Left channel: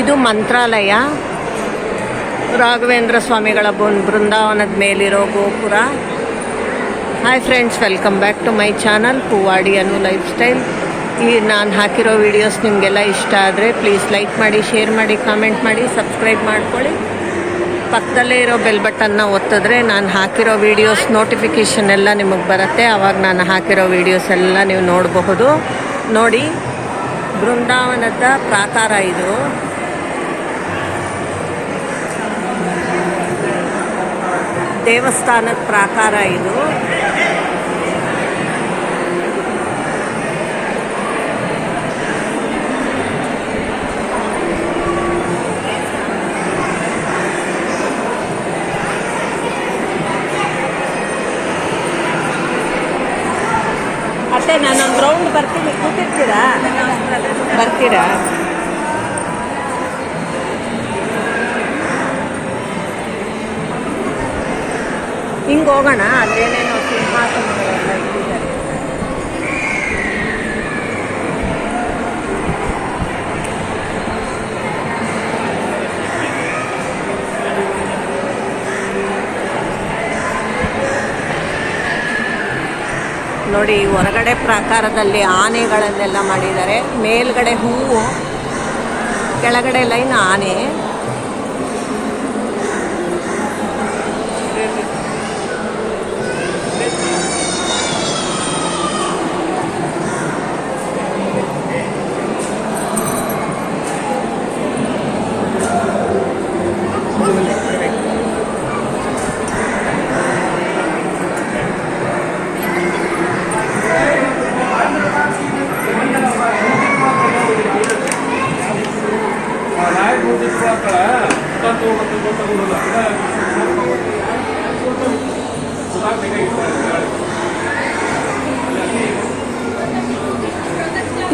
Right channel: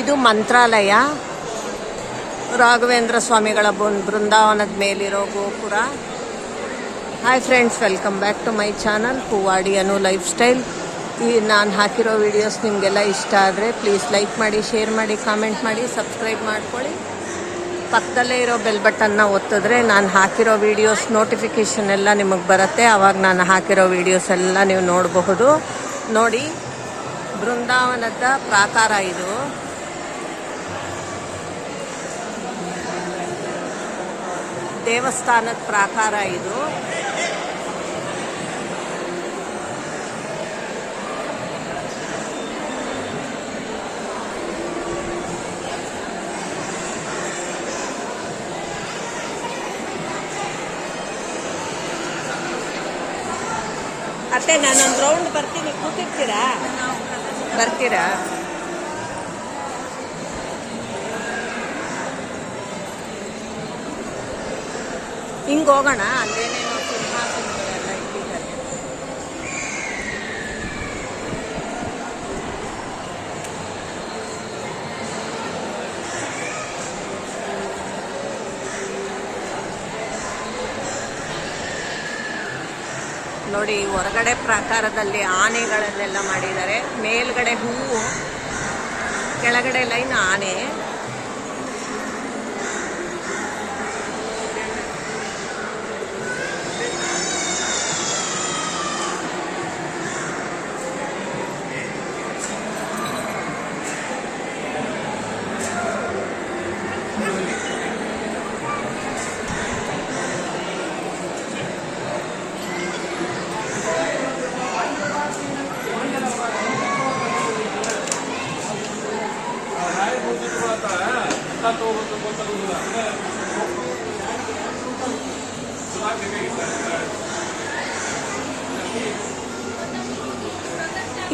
ಇದು ಮಂತ್ರಾಲಯ, ರಾಘವೇಂದ್ರ ಸ್ವಾಮಿಗಳ ಬೃಂದಾವನದ ಮೇಲಿರೋ ಗೋಪುರ. Hi friends, welcome back to my channel Poovadi Anu lifestyle. ಈ ನಾನು ಹಾಕಿರೋ ವಿಡಿಯೋಸ್ ನಿಮಗೆಲ್ಲ ಇಷ್ಟ ಆದರೆ ಪ್ಲೀಸ್ ಲೈಕ್ ಮಾಡಿ, ಶೇರ್ ಮಾಡಿ, ಕಾಮೆಂಟ್ ಮಾಡಿ, ಸಬ್ಸ್ಕ್ರೈಬ್ ಮಾಡ್ಕೊಳ್ಳಿ. ಪಕ್ಕದಲ್ಲೇ ಇರೋ ಬೆಲ್ ಬಟನ್ನ ಒತ್ತಿದ್ರೆ ನಾನು ಹಾಕಿರೋ ವೀಡಿಯೋಸ್ ನೋಟಿಫಿಕೇಷನ್ ಎಲ್ಲ ನಿಮಗೆ ಬರುತ್ತೆ. ಆವಾಗ ನಾನು ಹಾಕಿರೋ ವೀಡಿಯೋಸ್ ಎಲ್ಲ ನೀವು ನೋಡಬಹುದು. ನೋಡಿ, ಬೃಂದಾವನದ ಪ್ರಾಕಾರ ಇದು. ದೇವಸ್ಥಾನದ ಪ್ರಾಕಾರ ಇದು. ಅತ್ತೆ, ನಾನೊಂದು ರೌಂಡ್ ಬರ್ತೀನಿ, ಕೂತಿರ್ತೀರಾ? ಬರ್ತೀರಾ? ಹಿಂಗೆ ಹೋಗೋಣ. ಅಲ್ಲೇನೇನೋ ಸಿಂಹಾಸನಗಳೆಲ್ಲ ಇಟ್ಟಿದ್ದಾರೆ. ನೋಡಿ, ಹೊರಗಡೆ ಪ್ರಾಕಾರದಲ್ಲಿ ಆನೆಗಳನ್ನೆಲ್ಲ ಮಾಡಿದ್ದಾರೆ. ಮೇಲ್ಗಡೆ ಹೂವು, ಕೆಳಗಡೆ ಲೈನ್ ಆನೆ.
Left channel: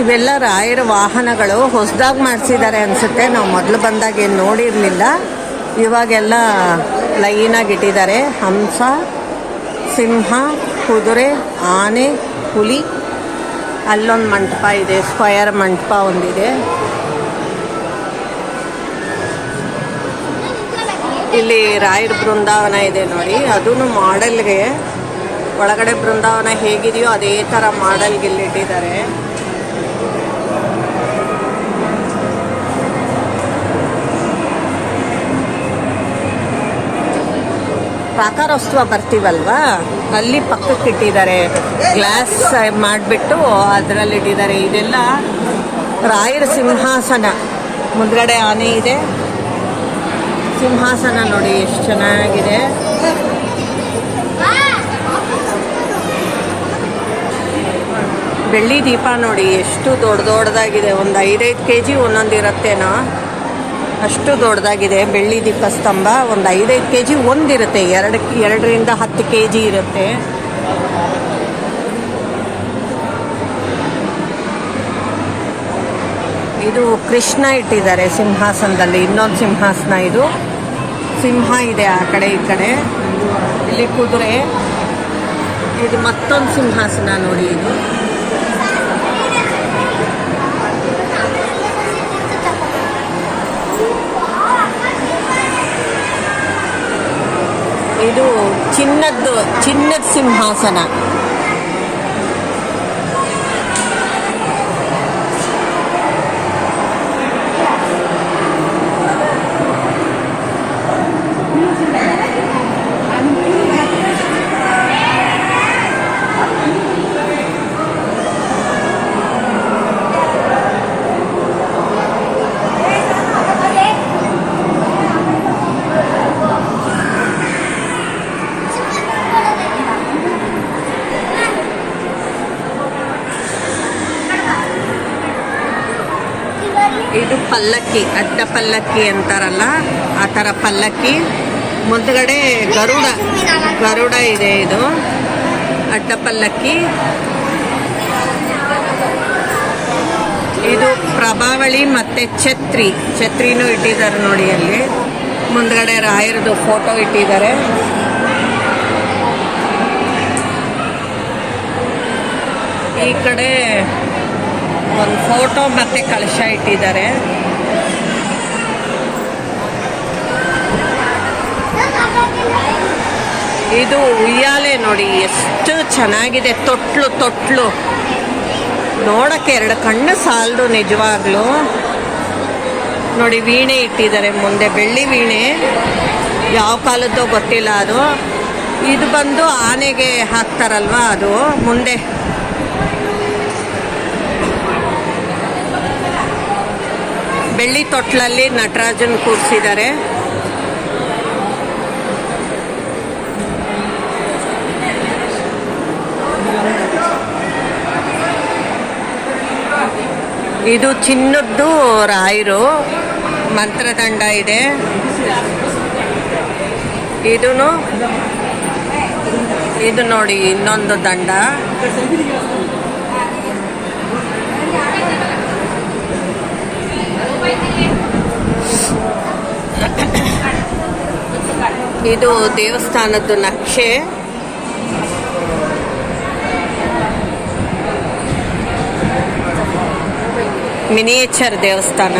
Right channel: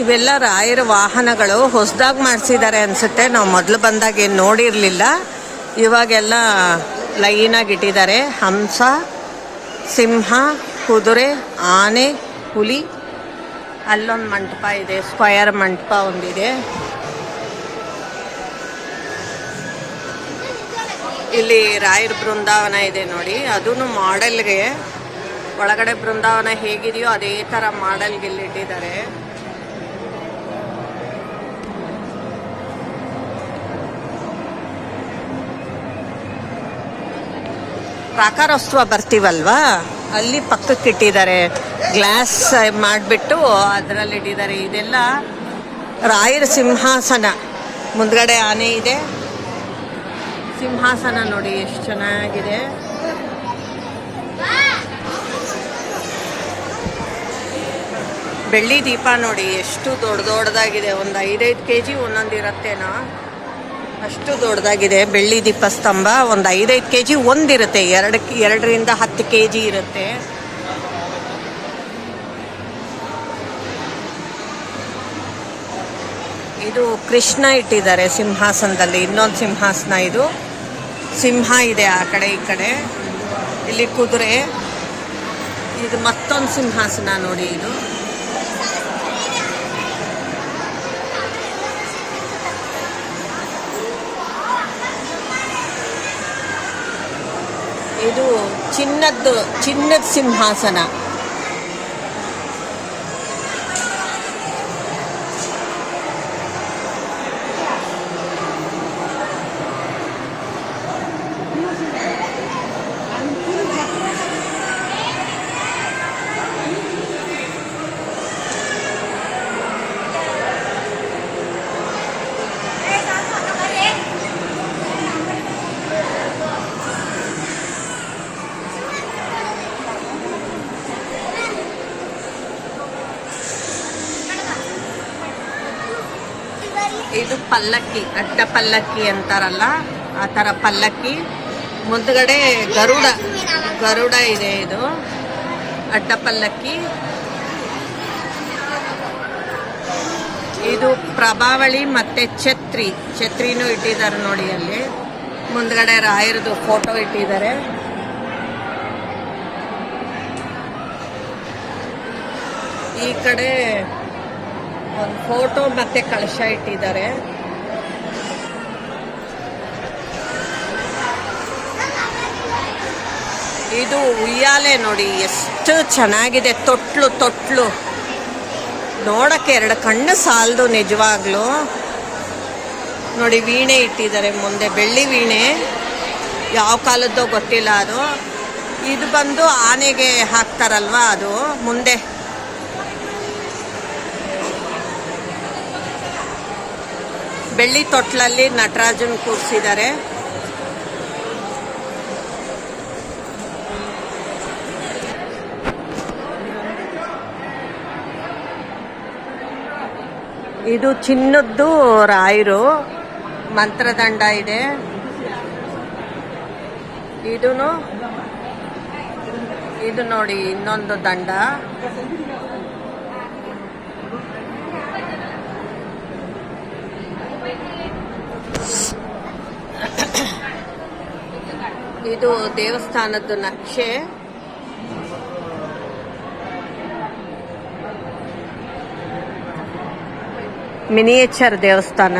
ಇವೆಲ್ಲ ರಾಯರ ವಾಹನಗಳು. ಹೊಸದಾಗಿ ಮಾಡಿಸಿದ್ದಾರೆ ಅನಿಸುತ್ತೆ. ನಾವು ಮೊದಲು ಬಂದಾಗ ಏನು ನೋಡಿರಲಿಲ್ಲ. ಇವಾಗೆಲ್ಲ ಲೈನಾಗಿ ಇಟ್ಟಿದ್ದಾರೆ. ಹಂಸ, ಸಿಂಹ, ಕುದುರೆ, ಆನೆ, ಹುಲಿ. ಅಲ್ಲೊಂದು ಮಂಟಪ ಇದೆ, ಸ್ಕ್ವಯರ್ ಮಂಟಪ ಒಂದಿದೆ. ಇಲ್ಲಿ ರಾಯರ ಬೃಂದಾವನ ಇದೆ ನೋಡಿ. ಅದೂ ಮಾಡೆಲ್ಗೆ, ಒಳಗಡೆ ಬೃಂದಾವನ ಹೇಗಿದೆಯೋ ಅದೇ ಥರ ಮಾಡೆಲ್ಗೆ ಇಲ್ಲಿ ಇಟ್ಟಿದ್ದಾರೆ. ಪ್ರಾಕಾರೋತ್ಸವ ಬರ್ತೀವಲ್ವಾ, ಅಲ್ಲಿ ಪಕ್ಕಕ್ಕೆ ಇಟ್ಟಿದ್ದಾರೆ. ಗ್ಲಾಸ್ ಮಾಡಿಬಿಟ್ಟು ಅದರಲ್ಲಿ ಇಟ್ಟಿದ್ದಾರೆ. ಇದೆಲ್ಲ ರಾಯರ ಸಿಂಹಾಸನ. ಮುಂದ್ಗಡೆ ಆನೆ ಇದೆ. ಸಿಂಹಾಸನ ನೋಡಿ ಎಷ್ಟು ಚೆನ್ನಾಗಿದೆ. ಬೆಳ್ಳಿ ದೀಪ ನೋಡಿ ಎಷ್ಟು ದೊಡ್ಡದಾಗಿದೆ. ಒಂದು 5-5 kg ಒಂದೊಂದು ಇರುತ್ತೇನೋ, ಅಷ್ಟು ದೊಡ್ಡದಾಗಿದೆ. ಬೆಳ್ಳಿ ದೀಪ ಸ್ತಂಭ ಒಂದು 5-5 kg ಒಂದಿರುತ್ತೆ. 2ರಿಂದ 10 kg ಇರುತ್ತೆ. ಇದು ಕೃಷ್ಣ ಇಟ್ಟಿದ್ದಾರೆ ಸಿಂಹಾಸನದಲ್ಲಿ. ಇನ್ನೊಂದು ಸಿಂಹಾಸನ ಇದು. ಸಿಂಹ ಇದೆ ಆ ಕಡೆ ಈ ಕಡೆ. ಇಲ್ಲಿ ಕುದುರೆ. ಇದು ಮತ್ತೊಂದು ಸಿಂಹಾಸನ ನೋಡಿ. ಇದು ಚಿನ್ನದ ಸಿಂಹಾಸನ. ಇದು ಪಲ್ಲಕ್ಕಿ, ಅಡ್ಡ ಪಲ್ಲಕ್ಕಿ ಅಂತಾರಲ್ಲ ಆ ಥರ ಪಲ್ಲಕ್ಕಿ. ಮುಂದ್ಗಡೆ ಗರುಡ ಇದೆ. ಇದು ಅಡ್ಡ ಪಲ್ಲಕ್ಕಿ. ಇದು ಪ್ರಭಾವಳಿ ಮತ್ತು ಛತ್ರಿನೂ ಇಟ್ಟಿದ್ದಾರೆ ನೋಡಿ. ಅಲ್ಲಿ ಮುಂದ್ಗಡೆ ರಾಯರದು ಫೋಟೋ ಇಟ್ಟಿದ್ದಾರೆ. ಈ ಕಡೆ ಒಂದು ಫೋಟೋ ಮತ್ತು ಕಳಶ ಇಟ್ಟಿದ್ದಾರೆ. ಇದು ಉಯ್ಯಾಲೆ ನೋಡಿ, ಎಷ್ಟು ಚೆನ್ನಾಗಿದೆ. ತೊಟ್ಲು ನೋಡಕ್ಕೆ ಎರಡು ಕಣ್ಣು ಸಾಲದು ನಿಜವಾಗ್ಲೂ. ನೋಡಿ ವೀಣೆ ಇಟ್ಟಿದ್ದಾರೆ ಮುಂದೆ, ಬೆಳ್ಳಿ ವೀಣೆ, ಯಾವ ಕಾಲದ್ದೋ ಗೊತ್ತಿಲ್ಲ ಅದು. ಇದು ಬಂದು ಆನೆಗೆ ಹಾಕ್ತಾರಲ್ವಾ ಅದು ಮುಂದೆ. ಬೆಳ್ಳಿ ತೊಟ್ಲಲ್ಲಿ ನಟರಾಜನ್ ಕೂರಿಸಿದ್ದಾರೆ. ಇದು ಚಿನ್ನದ್ದು ರಾಯರು, ಮಂತ್ರದಂಡ ಇದೆ. ಇದು ನೋಡಿ ಇನ್ನೊಂದು ದಂಡ. ಇದು ದೇವಸ್ಥಾನದ್ದು ನಕ್ಷೆ. ಮಿನಿಯೇಚರ್ ದೇವಸ್ಥಾನ.